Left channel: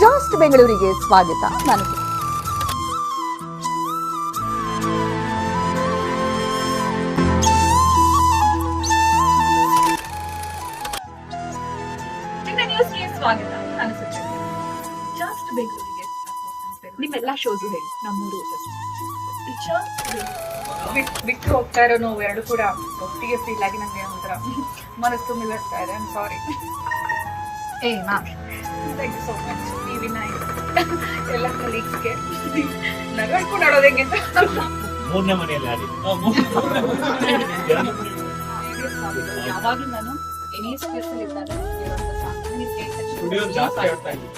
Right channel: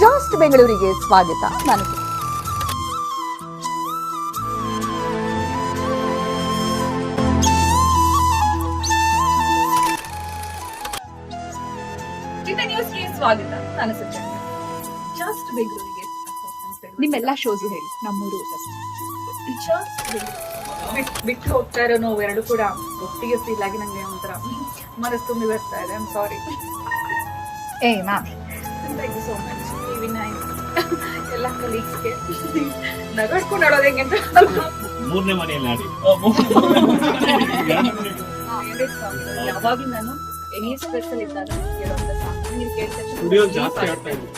ಜಾಸ್ಟ್ ಬೆಂಗಳೂರಿಗೆ ಸ್ವಾಗತ. ನಾನು ಸ್ವಾಗತ. ನಾನು ಜಾಸ್ಟ್ ಬೆಂಗಳೂರಿಗೆ ನಿಮ್ಮೆಲ್ಲಾ ಶೋಸು ಹೇಳಿ. ನಮ್ಮೂರು ಬಿಟ್ಟು ಹೋಗ್ತಾ ಇರೋ ನೋವು ಎರಡು ಕೂಡ ಒಟ್ಟಿಗೆ ಫೀಲ್ ಆಗಿ ನಂಗೆ ಒಂಥರ ಮನಸ್ಸು ತುಂಬಿ ಬರ್ತಾ ಇದೆ. Sorry. Ma'am, thank you so much. TV nine ಎಲ್ಲ ಕಲೀಗ್ಸ್ಗೆ ನಗಡ್ಕೊಂಡು ಆಡೋದು ಹೆಂಗೆ ಅಂತ ಮೂರನೇ ಮನೆಯಲ್ಲಿ ಆಡಿ ಯಾವಾಗ ನಾನು ಎನಿ ಸ್ಪೆಷಲ್ ಇದ್ದಾಗ ಸ್ಟುಡಿಯೋ ಜಾಸ್ತಿ ಆಡ್ತಾ ಇದ್ದೀನಿ.